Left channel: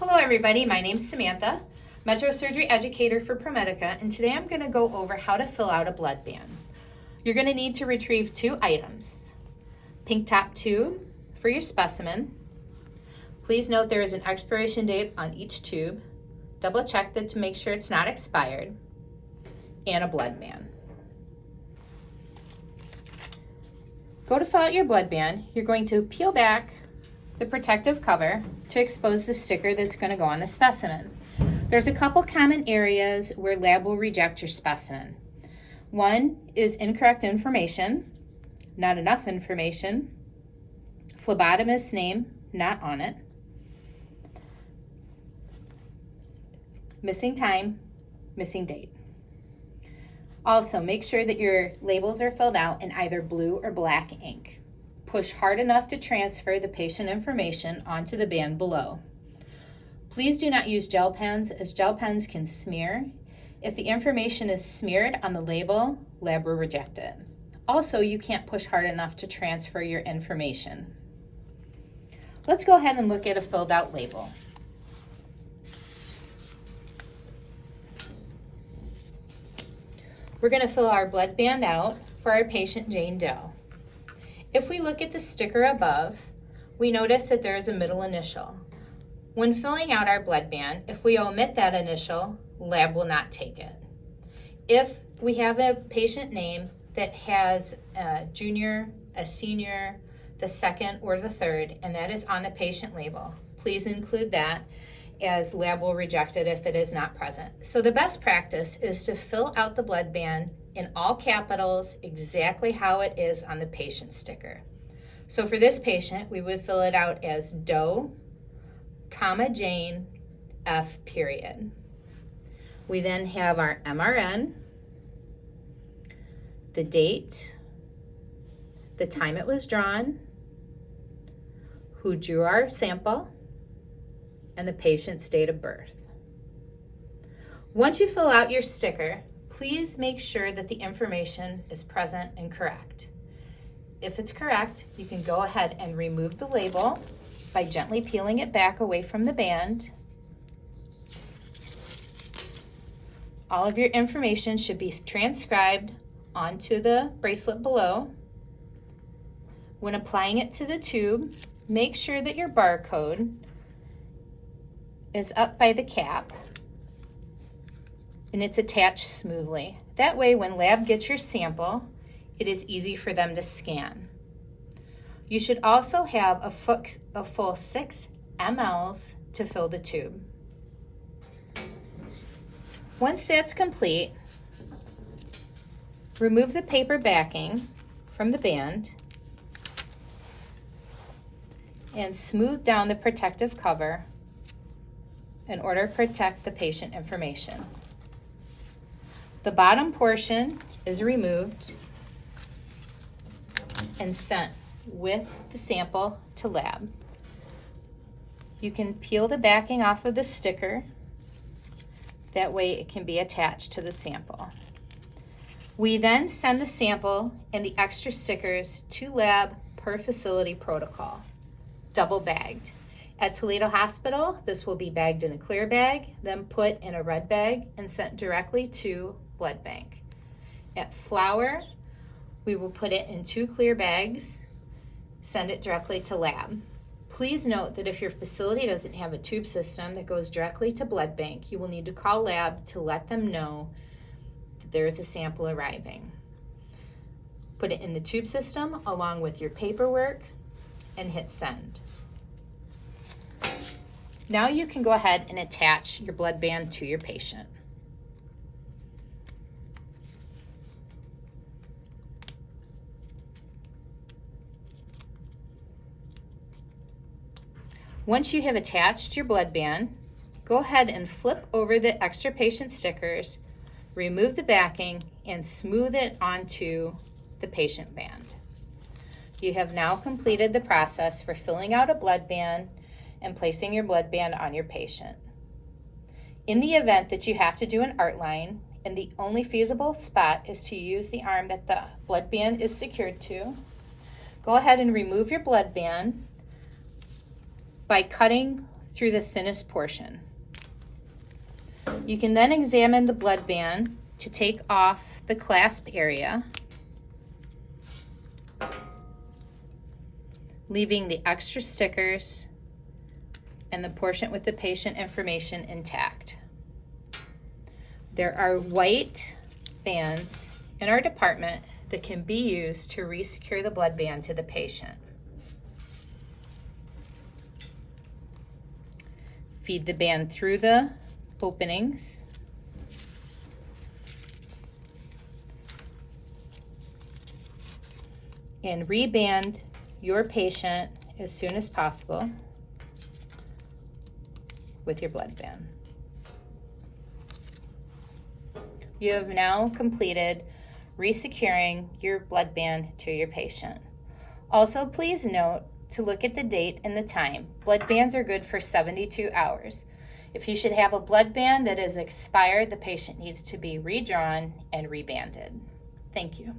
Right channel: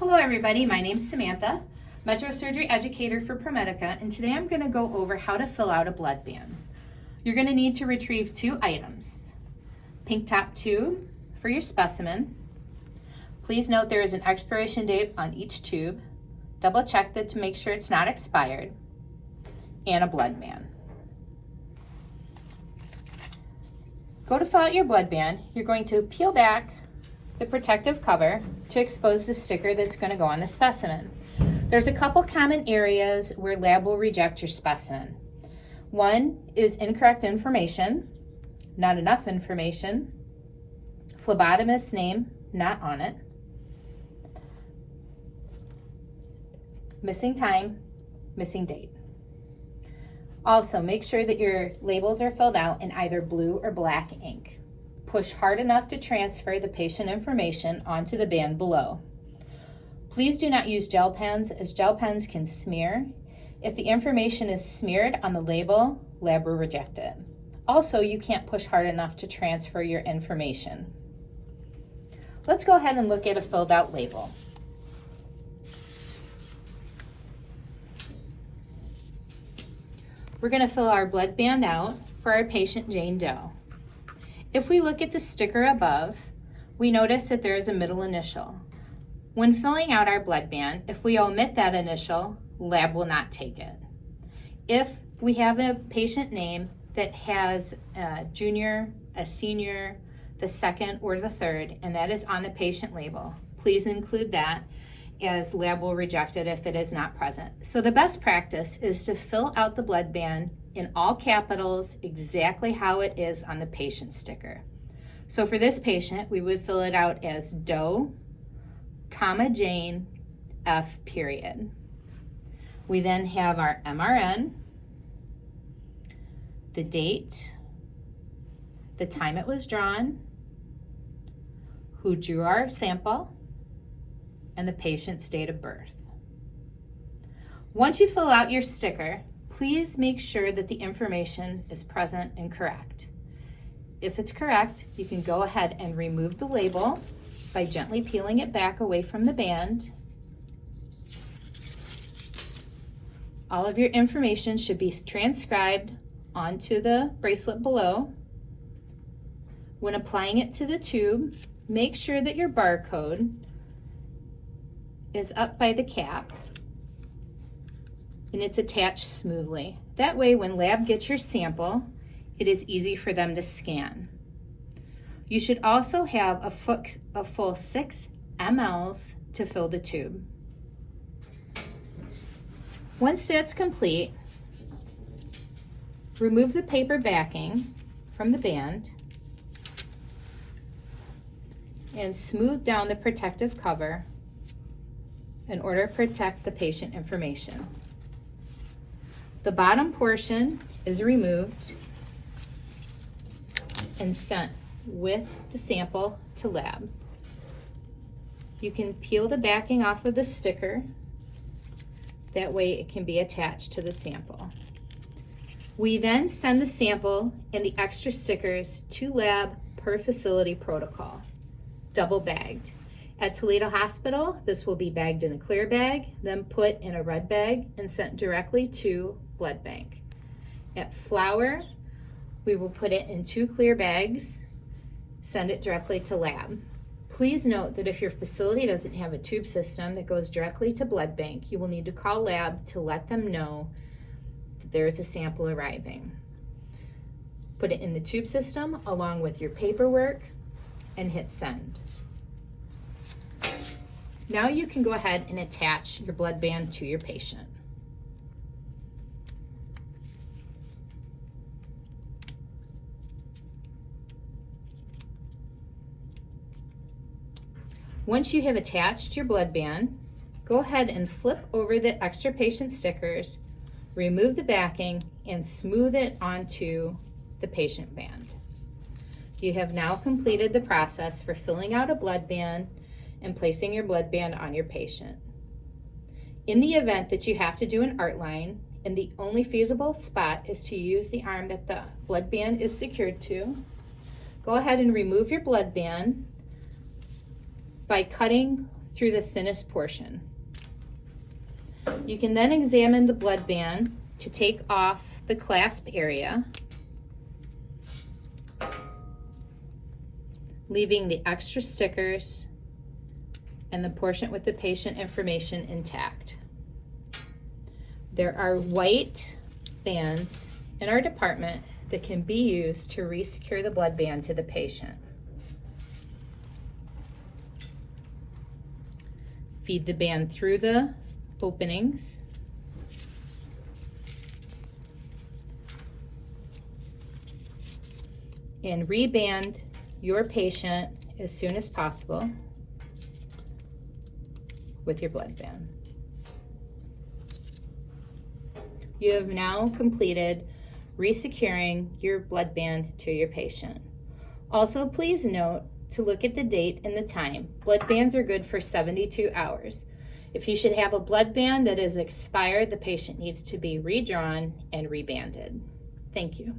Hello everybody, my name's Samantha, Metro Surgery Educator for ProMedica, and today I'm going to go over how to fill out a blood band. You're going to need to retrieve two items. Pink top tube for your specimen. Please note there is an expiration date on each tube. Double check that to make sure it's not expired. And a blood band. Go to fill out your blood band. You're going to peel back the protective cover to expose the sticker that's going to go on the specimen. There's a couple common areas where lab will reject your specimen. One is incorrect information, not enough information, phlebotomist's name not on it, missing time, missing date. Also, make sure that your labels are filled out in either blue or black ink. Push hard enough to transfer the patient information onto the band below. Please do not use gel pens, as gel pens can smear. If the information is smeared on the label, lab will reject it. Also, you can't push hard enough to transfer your information. Let's go ahead and look at a filled out label. We're going to fill our blood band out for our patient Jane Doe. If we look at the sticker above, we notice that there is a middle initial. When filling out our blood band, if we omit that initial, lab will not take it. If we have a patient name that has a junior, a senior, the second, or the third, and that is on the patient label, please include that, as lab will reject it if it is not present. So the best practice is to fill out the blood band in all capitals exactly how it is on the patient sticker. So for this patient, we would fill it out as Doe, comma Jane, F period. We then have our MRN, the date, the time it was drawn, who drew our sample, and the patient's date of birth. Once you fill out your sticker, please make sure that the information is present and correct. If it's correct, you can go ahead and remove the label by gently peeling it back away from the band. All of your information should be transcribed onto the bracelet below. When applying it to the tube, make sure that your barcode is up by the cap and it's attached smoothly. That way, when lab gets your sample, it is easy for them to scan. You should also have a full 6 mLs to fill the tube. Once that's complete, remove the paper backing from the band and smooth down the protective cover in order to protect the patient information. The bottom portion is removed and sent with the sample to lab. You can peel the backing off of the sticker. That way it can be attached to the sample. We then send the sample and the extra stickers to lab per facility protocol, double bagged. At Toledo Hospital, this will be bagged in a clear bag, then put in a red bag and sent directly to blood bank. At Flower, we will put it in 2 clear bags, send it directly to lab. Please note that if your facility doesn't have a tube system that goes directly to blood bank, you will need to call lab to let them know that there is a sample arriving. Put it in the tube system along with your paperwork and hit send. Now you can go ahead and attach your blood band to your patient. Once you have attached your blood band, go ahead and flip over the extra patient stickers, remove the backing, and smooth it onto the patient band. You have now completed the process for filling out a blood band and placing your blood band on your patient. In the event that you have to do an art line, and the only feasible spot is to use the arm that the blood band is secured to, go ahead and remove your blood band by cutting through the thinnest portion. You can then examine the blood band to take off the clasp area, leaving the extra stickers and the portion with the patient information intact. There are white bands in our department that can be used to re-secure the blood band to the patient. Feed the band through the openings. And reband your patient as soon as possible with your blood band. You have now completed resecuring your blood band to your patient. Also, please note to look at the date and the time. Blood bands are good for 72 hours. If you should have a blood band that is expired, the patient needs to be redrawn and rebanded. Thank you.